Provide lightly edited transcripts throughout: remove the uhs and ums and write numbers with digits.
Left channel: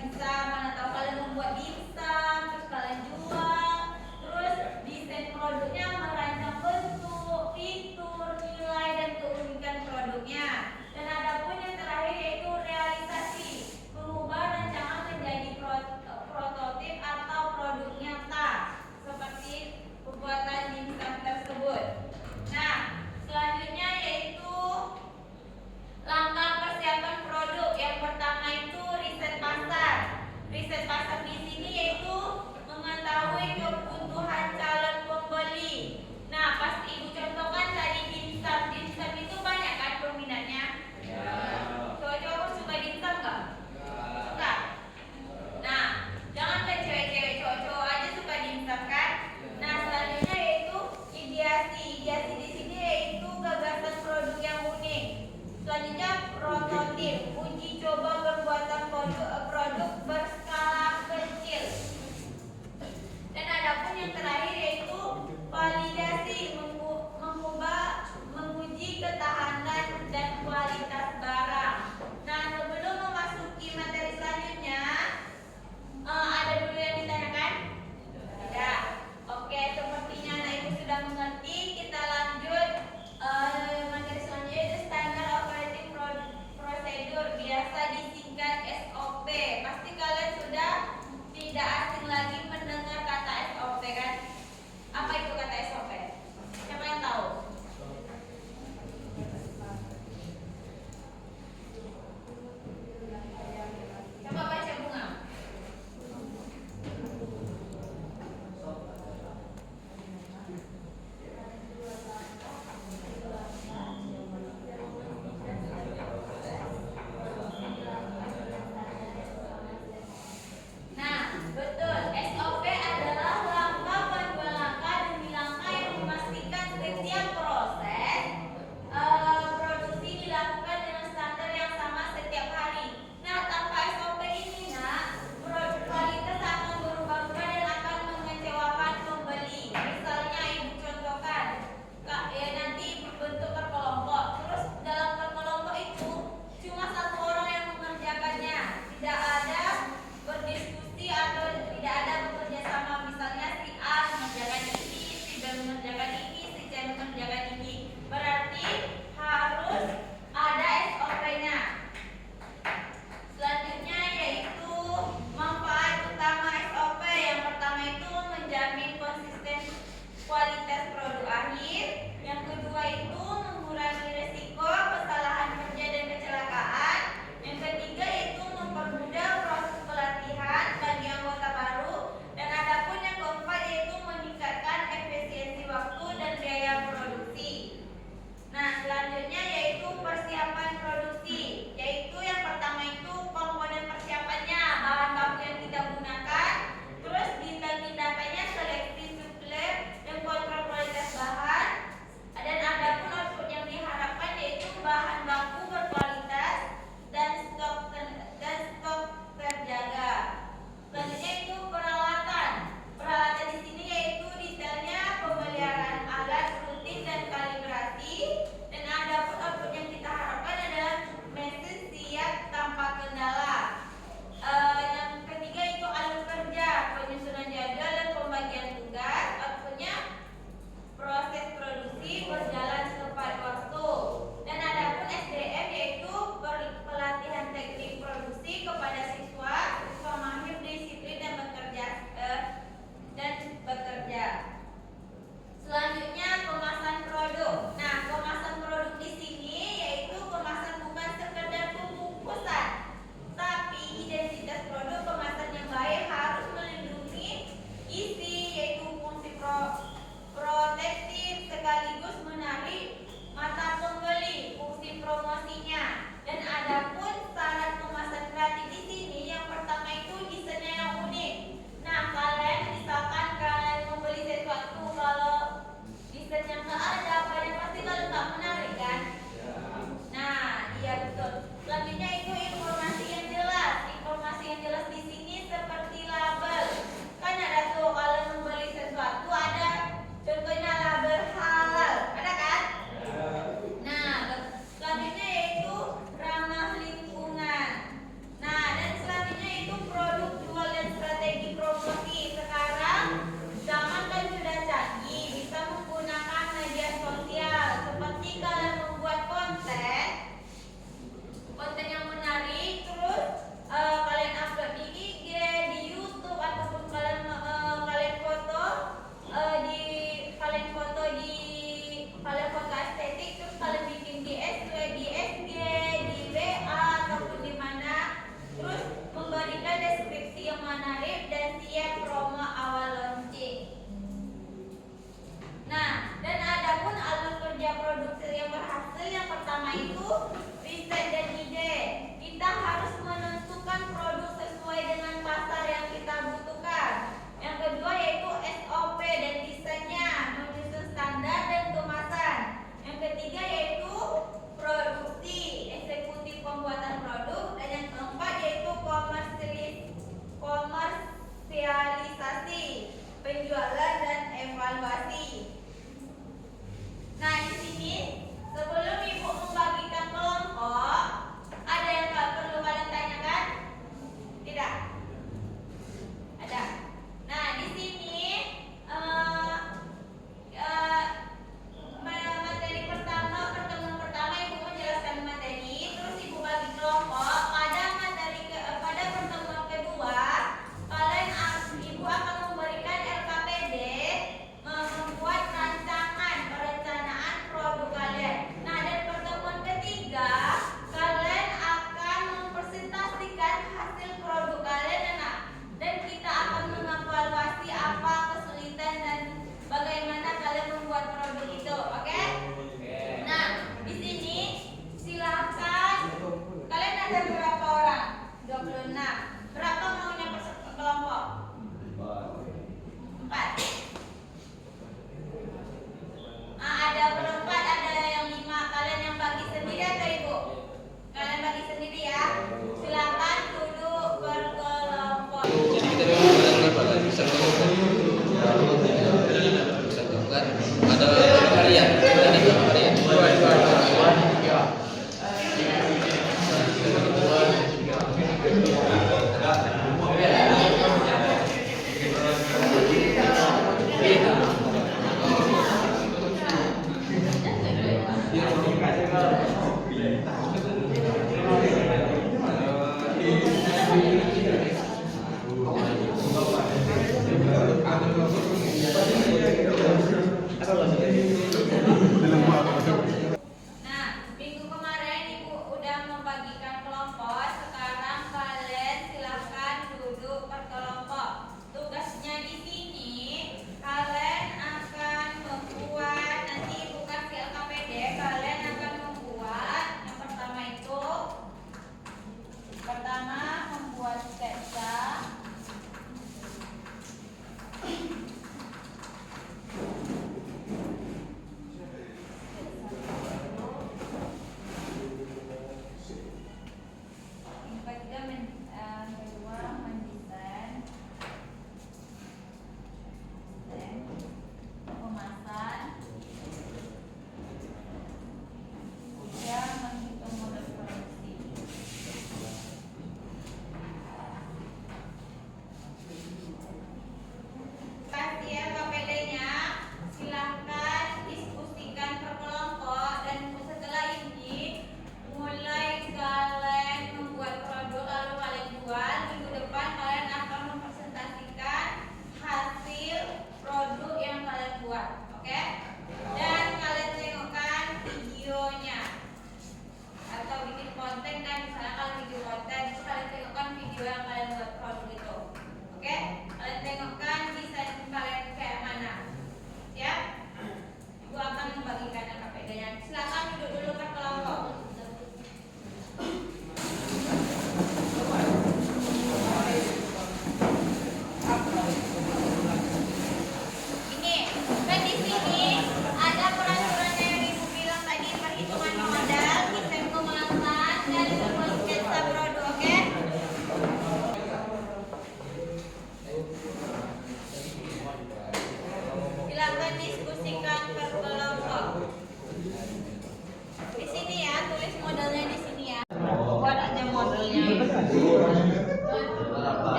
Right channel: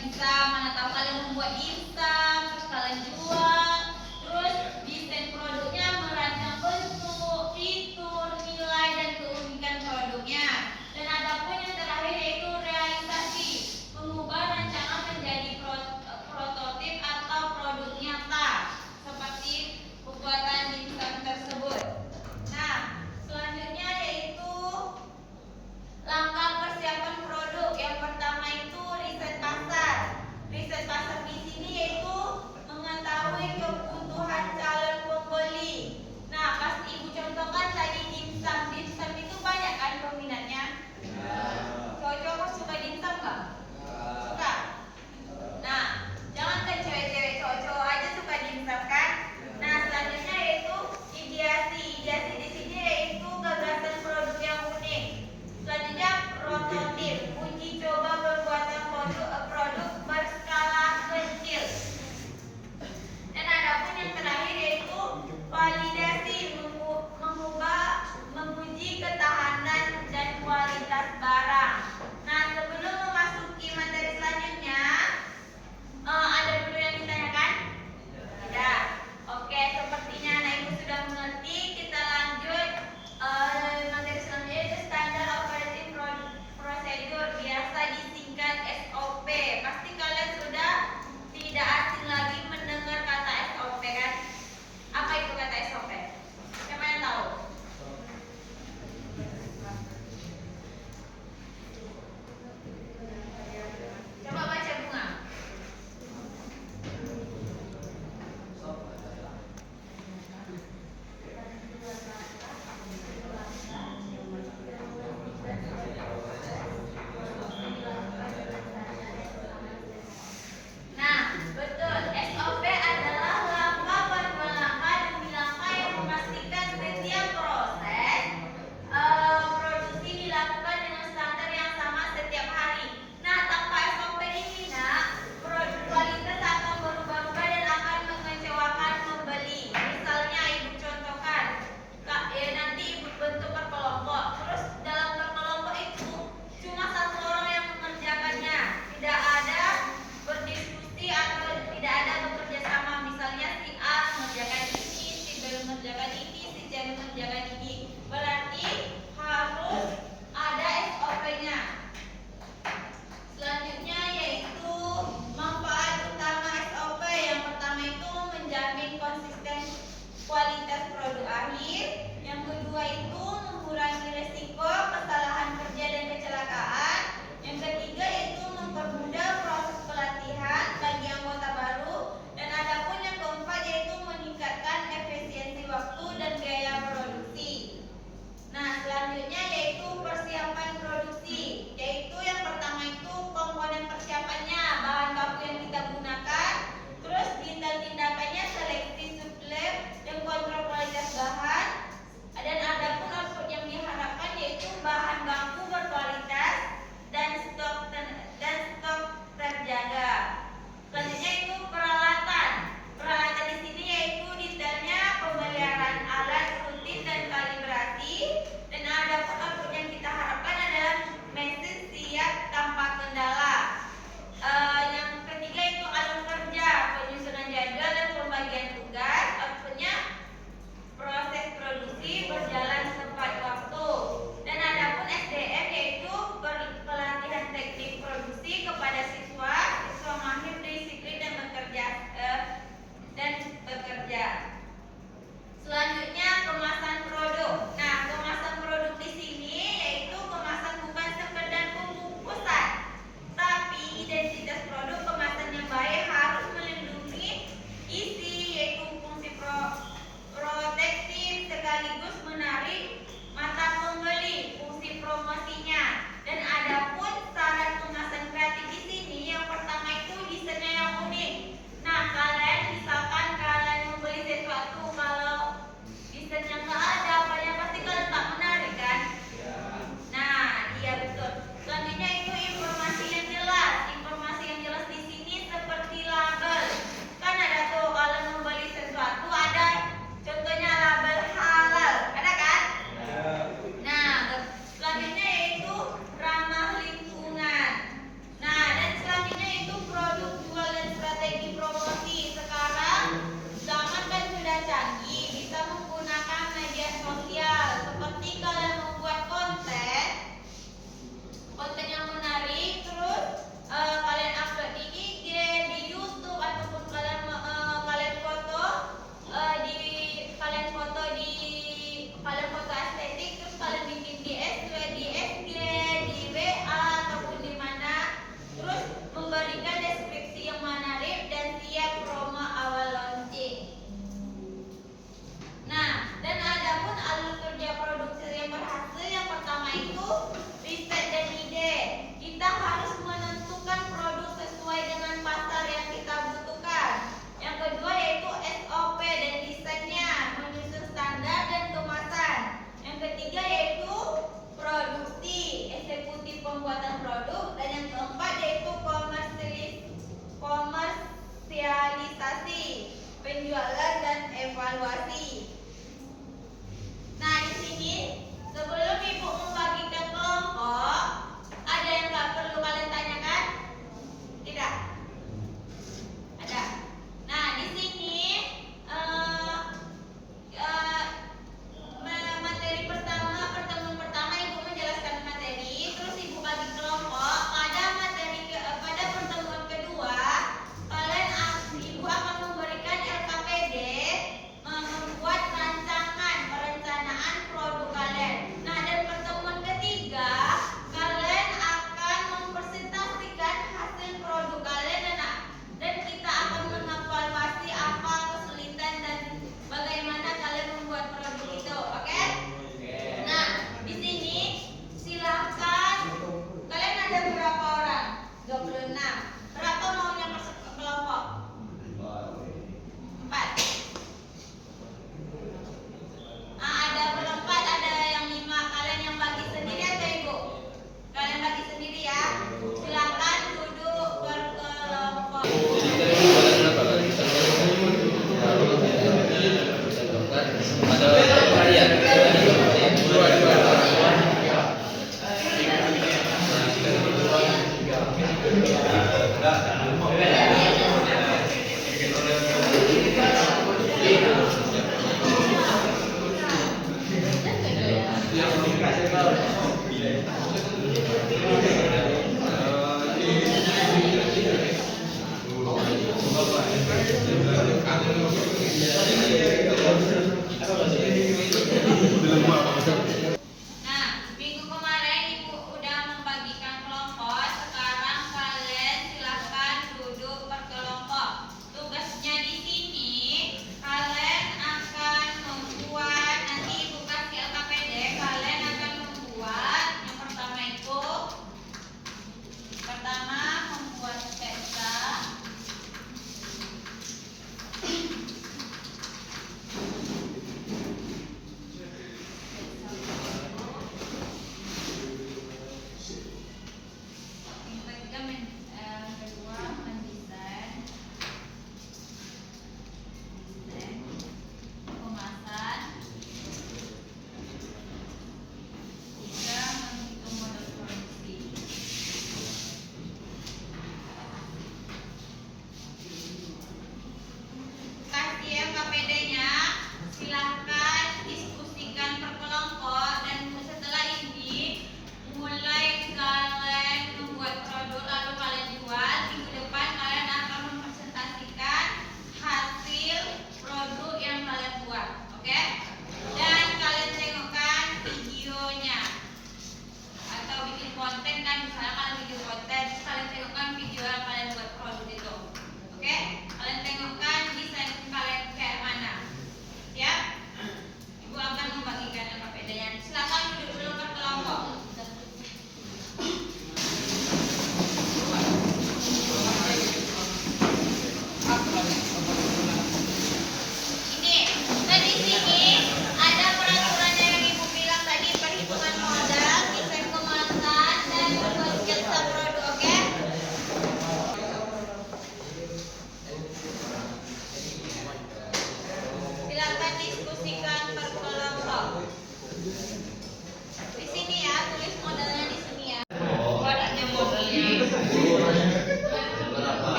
dimsum, mana tahu kalian membuat dimsum, terus kalian jual, terus desain produknya, merancang bentuk, fitur, nilai dan keunikan produknya. Dan ada pun yang terakhir yaitu realisasi, mengubah rancangan menjadi prototip atau produk nyata seperti pembuatan dimsum tersebut. Nah, selanjutnya yaitu langkah persiapan produk. Yang pertama itu riset pasar. Riset pasar di sini yaitu mengetahui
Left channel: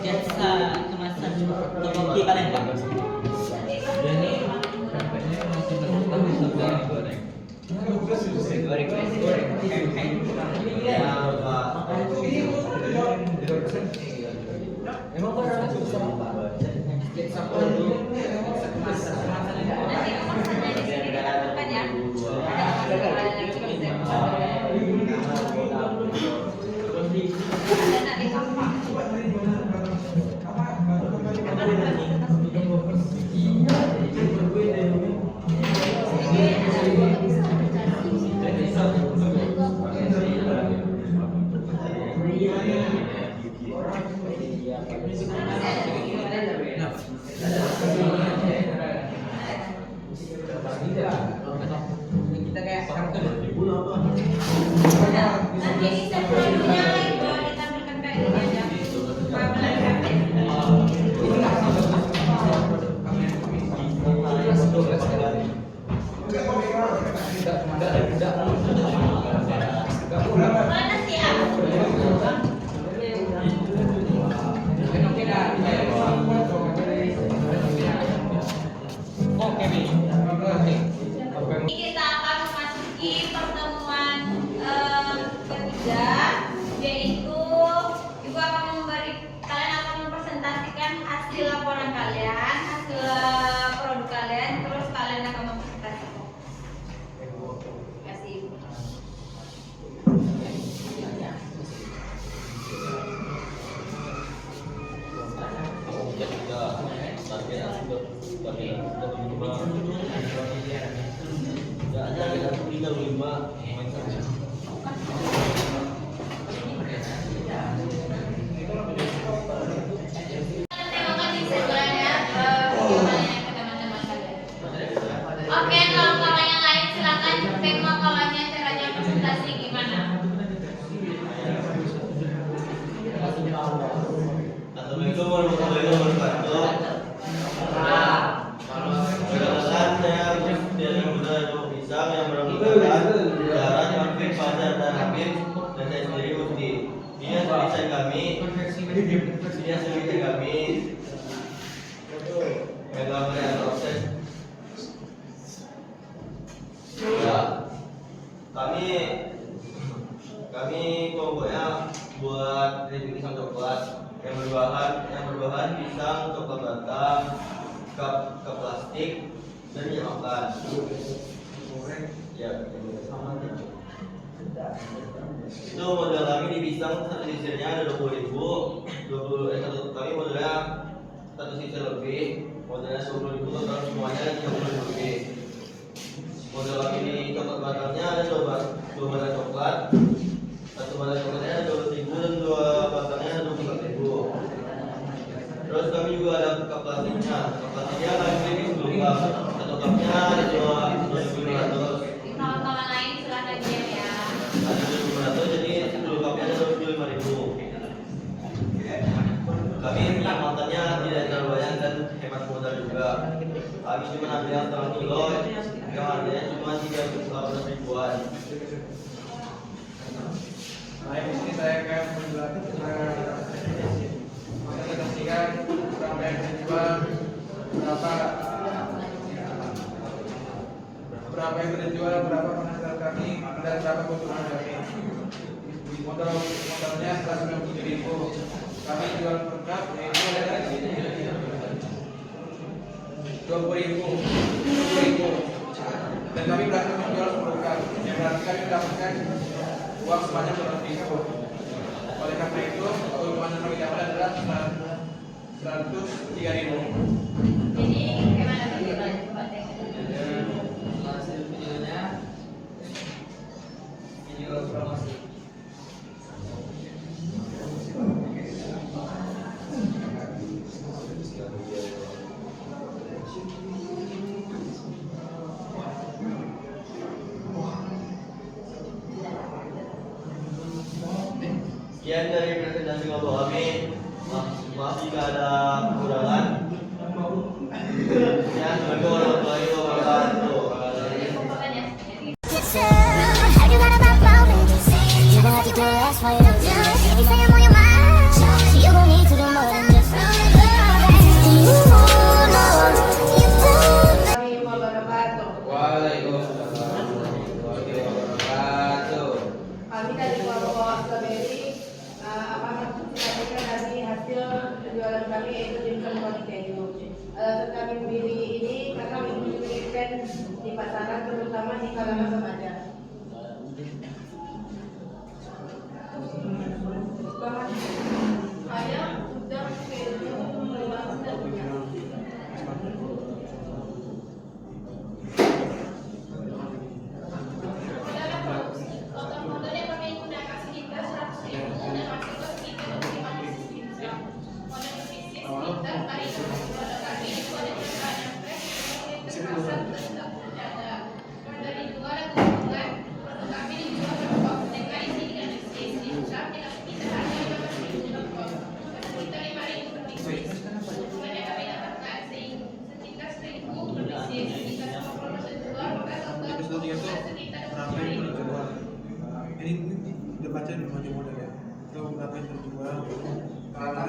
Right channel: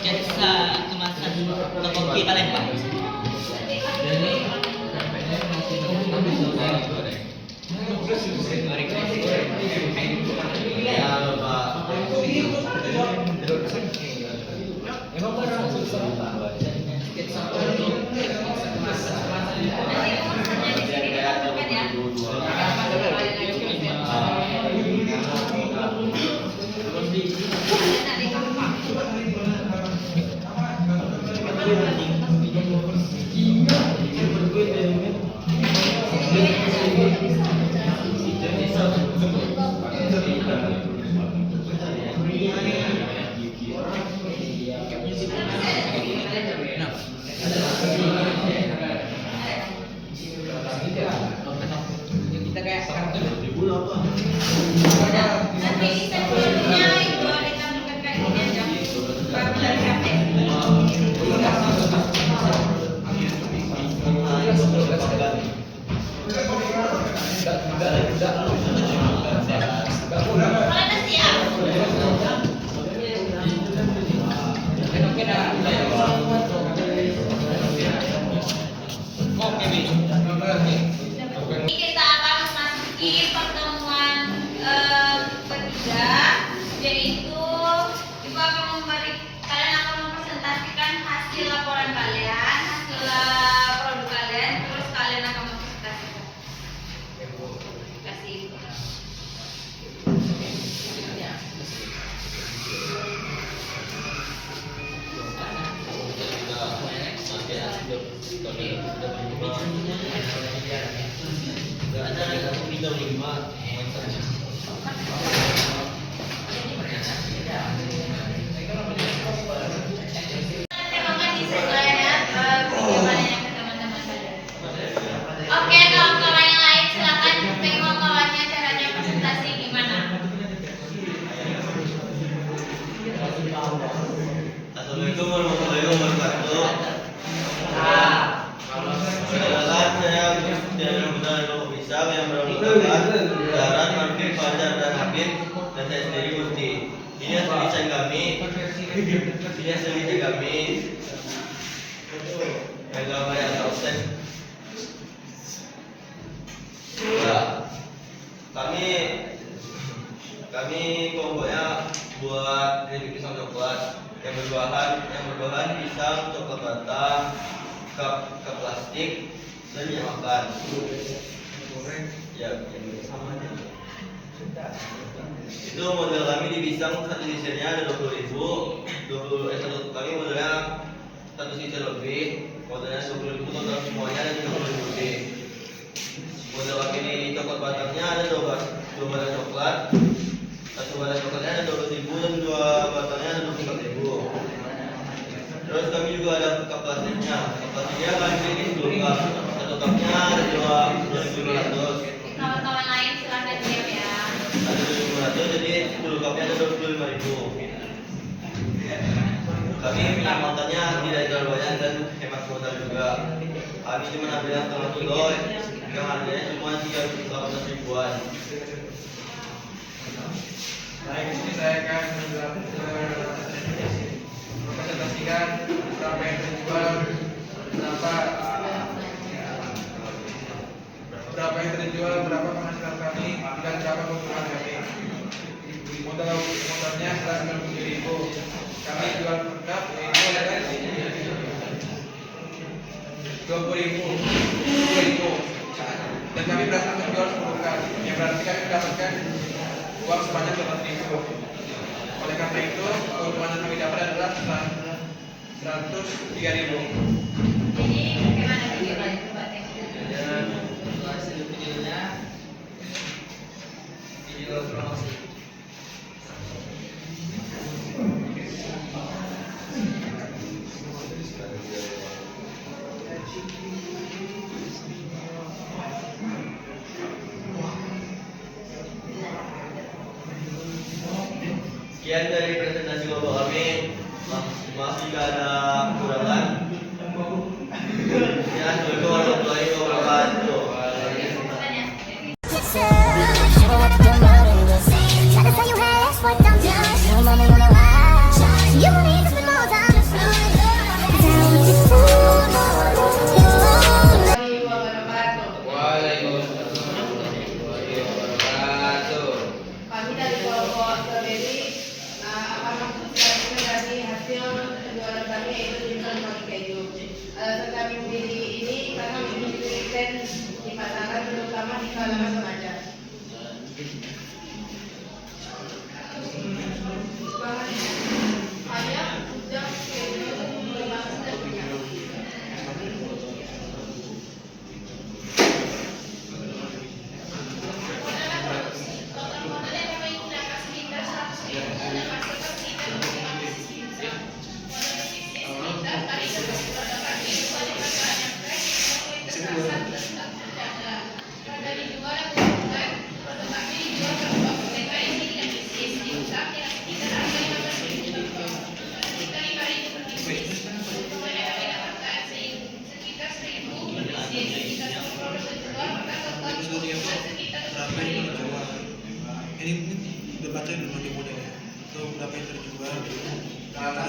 Sketsa kemasan topoki kalian Pak. Nanti desain produknya itu ada cantuman packingnya dari HP. Mana siap? Kita akan memasuki pertemuan ketiga, yaitu Ibu akan kalian akan mempresentasikan hasil laporan kalian, hasil produk kalian, terus kalian akan mempresentasikan. Kasih. Terima kasih semuanya jawabannya ke teman-teman kalian. Oke, kawan-kawan yang lain silakan tengok kawannya caranya presentasi gimana. Assalamualaikum warahmatullahi wabarakatuh. Perkenalkan, saya Muhammad Abdul Ishaq yang beranggotakan Darat, Marfik, Fajar, dan Habib, dan saya sendiri Mufti. Ini hasil desain kami. Gambar yang offset. Ya, kami kelompoknya buat keripik pisang coklat yang berbahan pisang, coklat batang, cup plastik, dan minyak makan. Ya, sama aja. Itu model kami di pisang satu sisirnya ada 20.000. Kami modelnya satu sisir lebih, modelnya 20.000, total semuanya ada 30.000 lebih. Model kami di coklat batangnya ada dua batang coklat. Satu batang coklatnya ada 20.000 dan dua batangnya ada 24.000. Terus kami juga ada cup plastiknya. Cup plastiknya kami beli 10 cup. Satu cupnya ada 2.500. Kawan-kawan lain silakan diam ya. Ada 2.500, jadi 10 cupnya ada 25.000. Kami minyak makannya tidak terlalu banyak dan hemat modal juga. Kami cuma ambil yang setengah kilo yang harganya cuma 18 ribuan. Baik, ini saya akan mempresentasikan berapa yang terjual, berapa penghasilan kami, dan berapa keuntungan kami. Modalnya 197.000. Kami jual per cup yaitu adalah 20.000. Dan kami berhasil menjual 10 cup, yang berarti kami mendapatkan uang sebanyak 200.000. Oleh karena itu, keuntungan yang kami dapat adalah 103.000. Jadi bagaimana videonya? Coba Hasil videonya video promosi. Sekian dari presentasi kelompok kami. Masih jika ada kekurangan. Ya, assalamualaikum warahmatullahi wabarakatuh. Coba ya. Kisah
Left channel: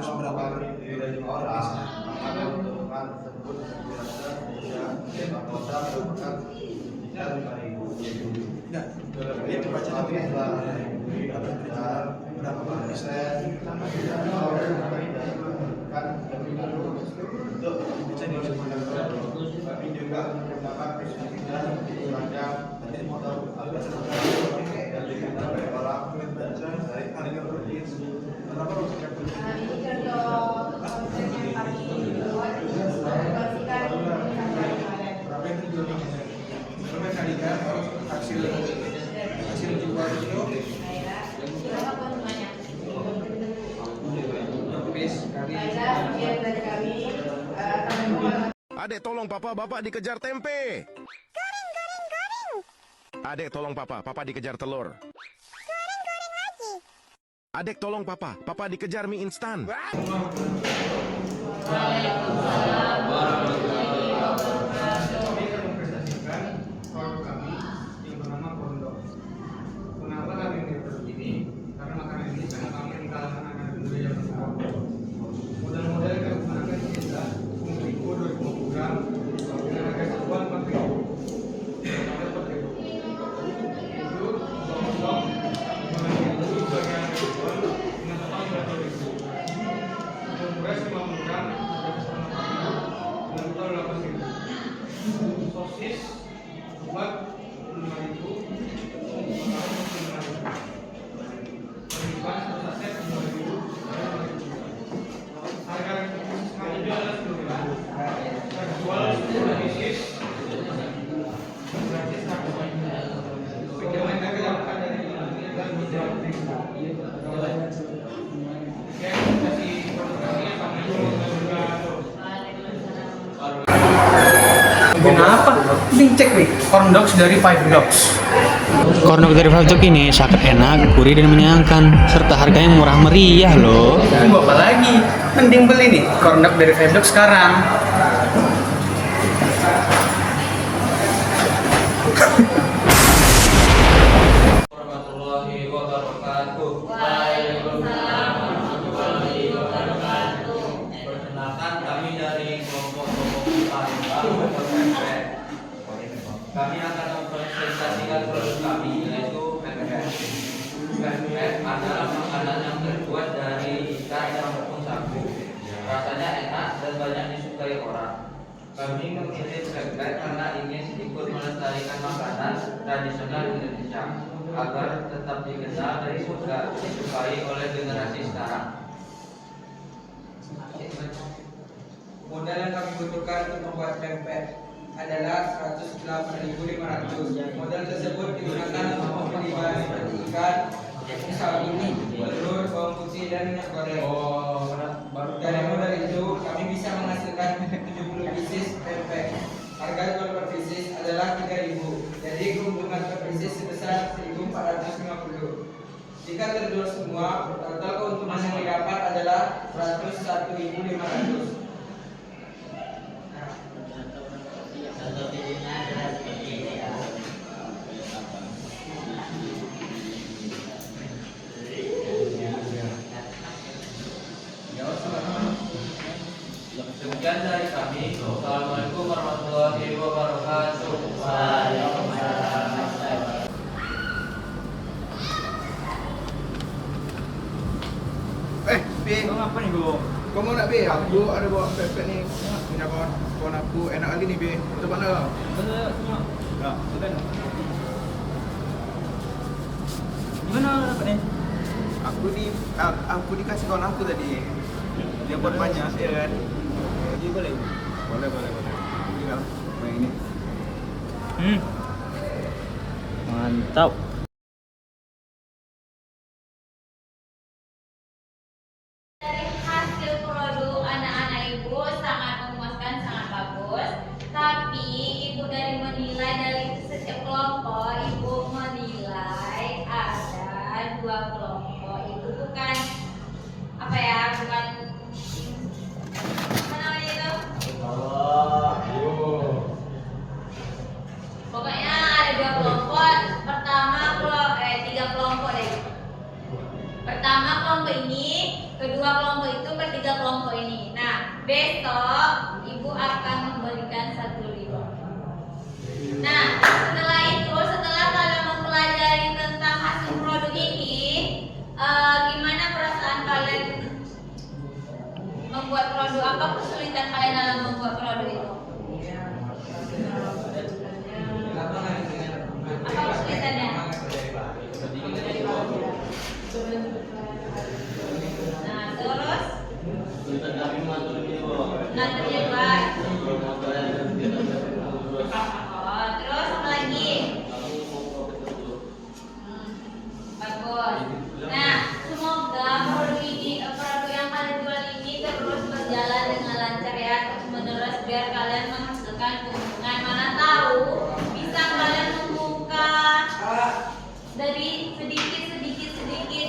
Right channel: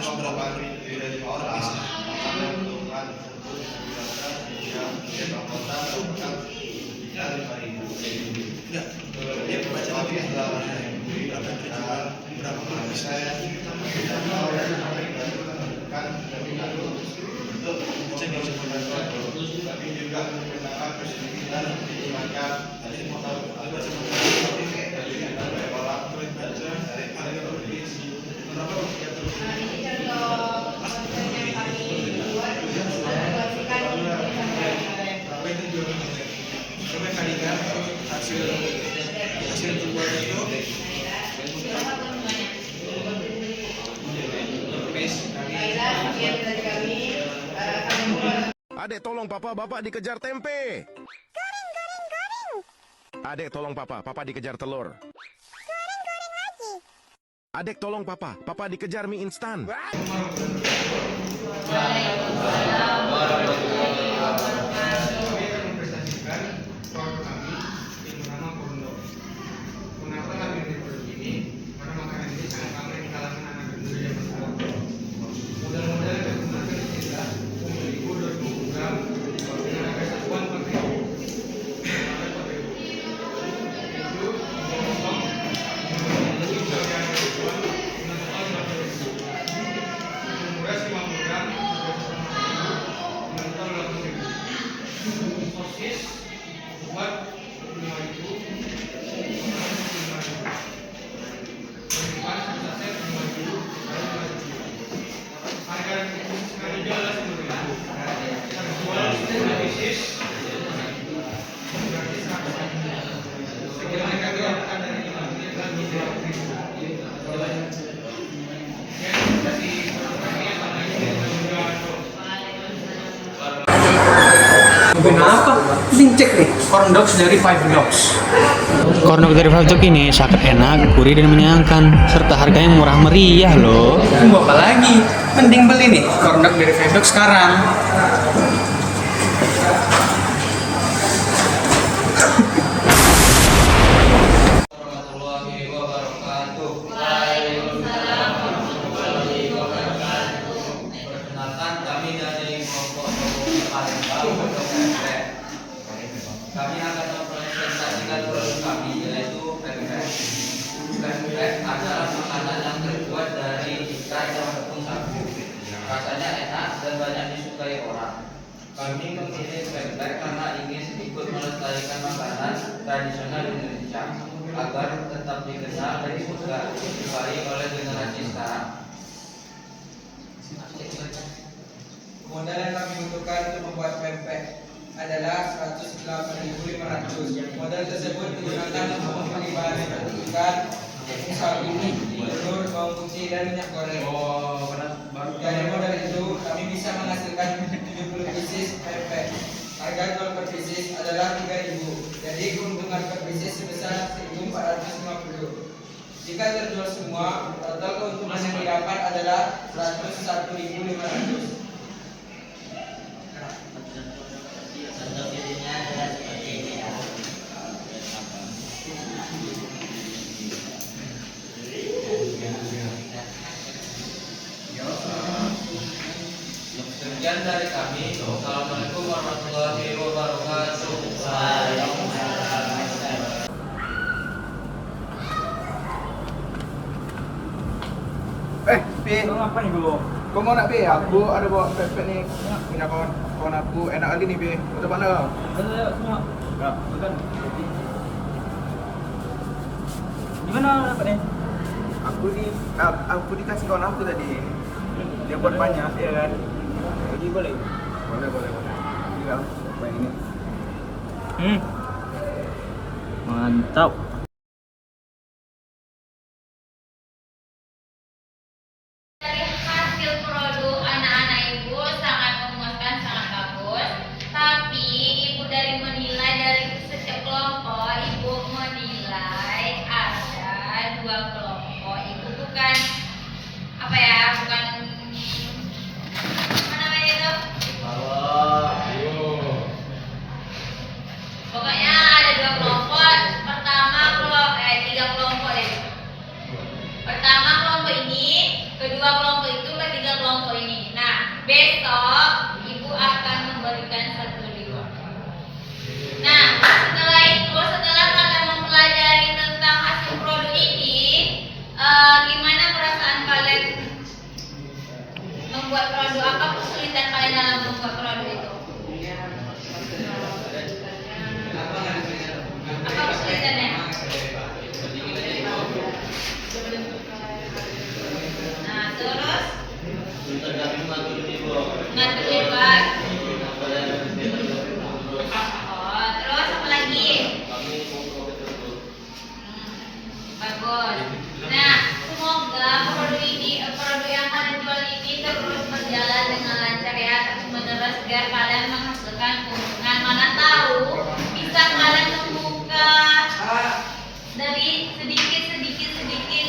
harus berapa lebih dari 5 orang maka keuntungan tersebut digunakan yang kota merupakan sekitar 5.000. Nah, dia baca lagi ya. Berapa terjual, berapa orang bisa untuk tapi juga menggunakan persetujuan semacam dari motor hasil jual itu Adek tolong papa, bapak dikejar tempe. Goreng, goreng, goreng. Adek tolong papa, papa dikejar telur. Goreng, goreng lagi. Adek tolong papa, papa dikejar mie instan. Mempresentasikan produk kami yang bernama Korndok. Kenapa kami memilih produk ini? Karena makanan ini sangat ramai di kalangan anak muda zaman sekarang. Modal-modal yang digunakan adalah 10.000, 20 gram, dengan harga satuan 4.000. Sampai 4.000. Itu potong menunggu bagian tujuan dengan total 30.000. Untuk murah 50 gram, dengan total 80.000. Sosis buat 25.000, total 25.000. Pembukaan satu set 5.000, harga sekali adalah 10.000. Jual 10 pieces gratis habis. Sekira mereka dilakukan dari 5 dan 2.000. Ya, kasih produk sama ini juga. Kenapa? Ini cek nih, corn dogs dari Five Dogs. Corn dari Five Dogs ini sangat enak, gurih dan menyenangkan, serta harganya murah meriah loh. Tunggu apa lagi? Mending beli nih corn dog dari Five Dogs sekarang. Warahmatullahi wabarakatuh. Waalaikumsalam warahmatullahi wabarakatuh. Perkenalkan kami dari kelompok Palembang PPP. Kami akan mempresentasikan produk kami yaitu PPP. PPP adalah makanan yang terbuat dari ikan ataupun sagu. Rasanya enak dan banyak disukai orang. Kami memilih PPP karena ingin ikut melestarikan makanan tradisional Indonesia agar tetap dikenal dan juga disukai oleh generasi sekarang. Modal yang kami butuhkan untuk membuat pempek adalah 108.500. Modal tersebut digunakan untuk membeli bahan seperti ikan, tepung sagu, telur, bawang putih, dan minyak goreng. Dari modal itu kami bisa menghasilkan 70 pieces pempek. Harga jual per pieces adalah 3.000. Jadi keuntungan per pieces sebesar 1.450. Jika terjual semua, total keuntungan yang didapat adalah 101.500. Contoh videonya adalah seperti ini ya. Sekian dari kami. Assalamualaikum warahmatullahi wabarakatuh. Pi, kau ngapain dulu? Kau mau nak Pi? Aku ada bawa pepet ni. Punya kawan aku enak lagi ni Pi. Betul mana? Betul, semua. Ya. Di mana dapat ni? Aku dikasih kawan aku tadi. Dia buat banyak, ya kan? Jadi boleh. Boleh. Tinggal main ini. Mantap. Dari hasil produk anak-anak ibu sangat memuaskan, sangat bagus. Tapi ibu dari menilai dari setiap kelompok, ibu menilai ada 2 kelompok. Ibu bukan apa ya, bukan apa namanya itu? Pokoknya ada 2 kelompok. Pertama kelompok 3 kelompok deh. Pertama kelompok ini, kedua kelompok itu, ketiga besok ibu akan memberikan 1 reward. Nah, setelah itu, setelah kalian mempelajari tentang hasil produk ini, gimana perasaan kalian membuat produk? Apa kesulitan kalian dalam membuat produk itu? Apa kesulitannya? Nah, terus Sulitan kami mengatur reward. ngatur reward. Oh, terus apa lagi? Kami memproses dulu. Bagus. Nah, semoga produk yang kalian jual ini terus berjalan dengan lancar ya, terus menerus biar kalian menghasilkan keuntungan. Mana tahu bisa kalian membuka dari sedikit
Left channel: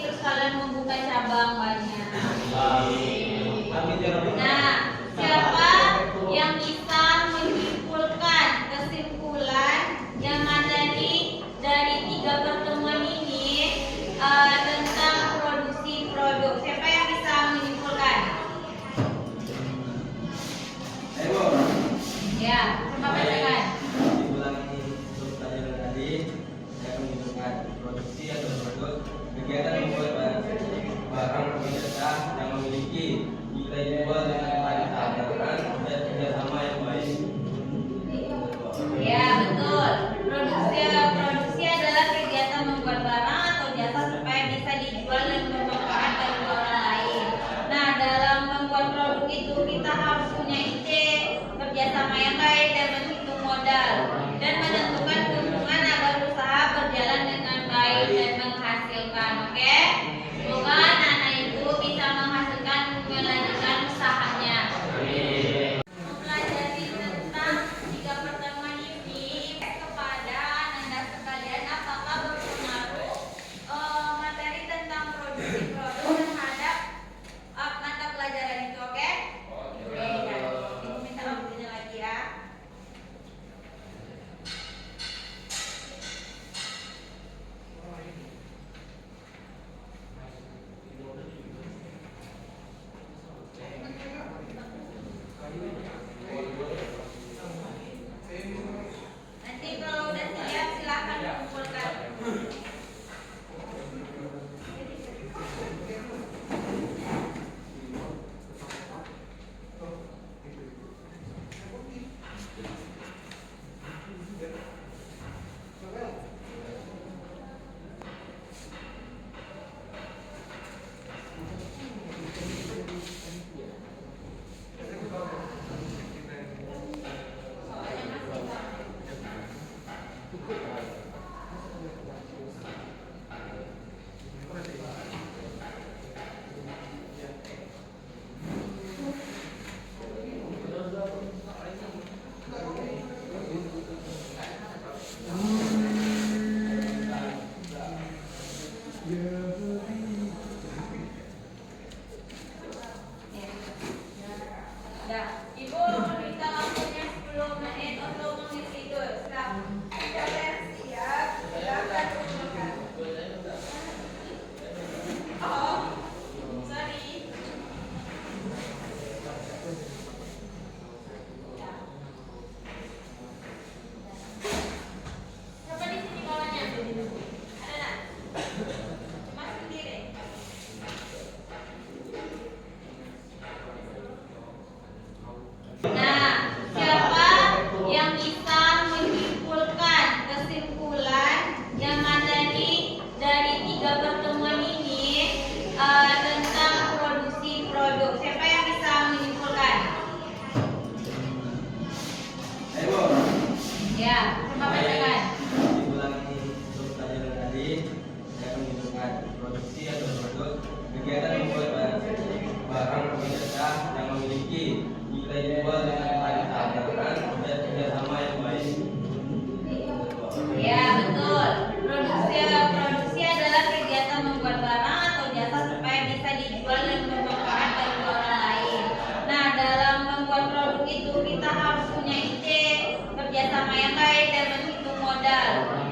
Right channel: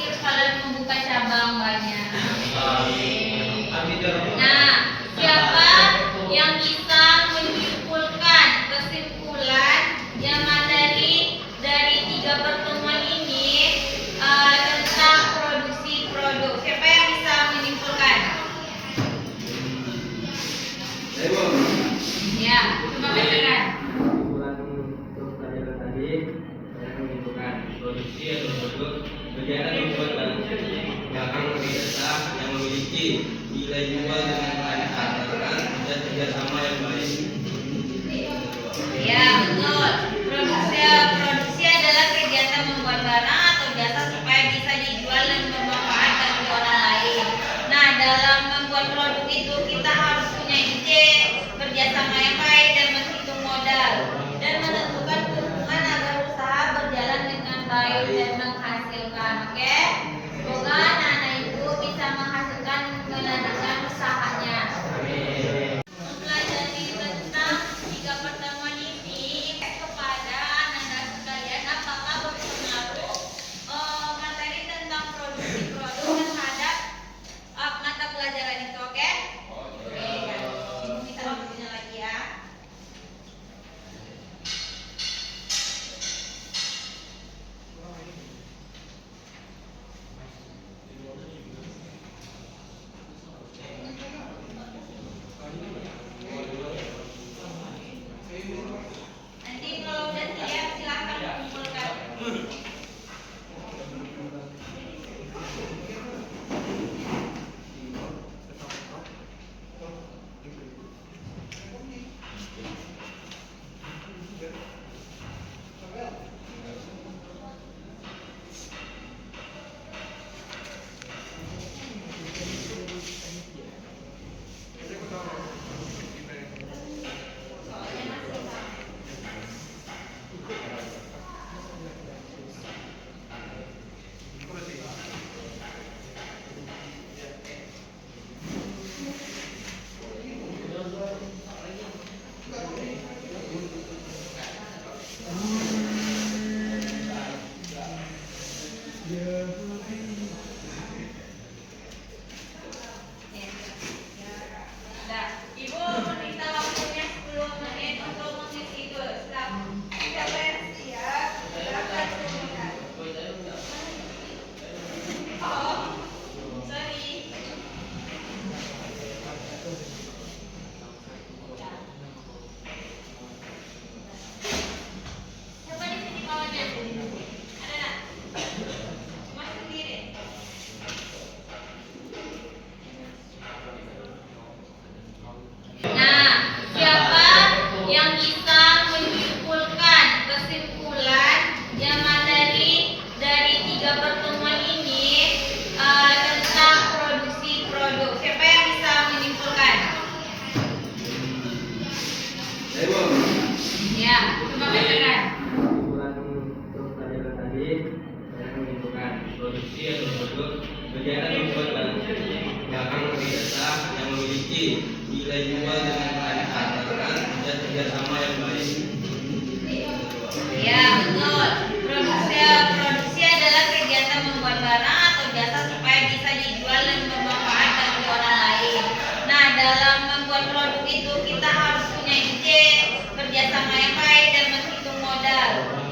terus kalian membuka cabang banyak. Nah, siapa yang bisa menyimpulkan kesimpulan yang dari 3 pertemuan ini tentang produksi produk? Siapa yang bisa menyimpulkan? Ya, coba bacakan. Kesimpulan untuk pelajaran tadi saya menunjukkan produksi atau produk kegiatan membuat barang jasa yang memiliki nilai jual dengan baik antara dan kerjasama yang baik. Ya, betul. Produksi adalah kegiatan membuat barang atau jasa supaya bisa dijual dan bermanfaat bagi orang lain. Nah, dalam membuat produk itu kita harus punya ide, kerjasama yang baik dan menghitung modal dan menentukan keuntungan agar usaha berjalan dengan baik dan menghasilkan. Oke? Semoga anak-anak ibu bisa menghasilkan melanjutkan usahanya. Mempelajari tentang 3 pertemuan ini kepada anak-anak sekalian, apakah berpengaruh materi tentang produksi produk terhadap mata pelajaran itu? Oke? Oke, ya. Ibu minta waktunya lagi ya. Nanti kalau udah siap silahkan kumpulkan. Nah, Ibu minta waktunya 10 menit untuk mengisi itu. Siapa yang siap? Silakan kumpulkan. Oh, sorry. Coba di sini kawannya. Ada nggak? Cuma sendiri. Nah, siapa yang bisa menyimpulkan kesimpulan yang dari 3 pertemuan ini tentang produksi produk? Siapa yang bisa menyimpulkan? Ya, coba bacakan. Kesimpulan untuk pelajaran tadi saya menunjukkan produksi atau produk kegiatan membuat barang jasa yang memiliki nilai jual dengan baik antara dan kerjasama yang baik. Ya, betul. Produksi adalah kegiatan membuat barang atau jasa supaya bisa dijual dan bermanfaat bagi orang lain. Nah, dalam membuat produk itu kita harus punya ide, kerjasama yang baik dan menghitung modal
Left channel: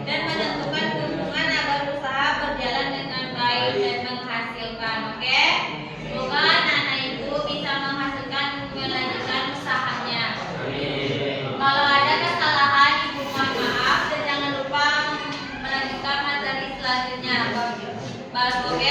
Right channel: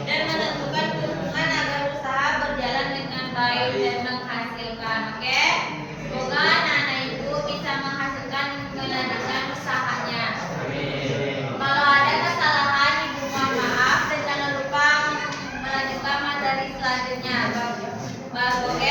dan menentukan keuntungan agar usaha berjalan dengan baik dan menghasilkan. Oke? Semoga anak-anak ibu bisa menghasilkan selanjutnya, Mas Boket.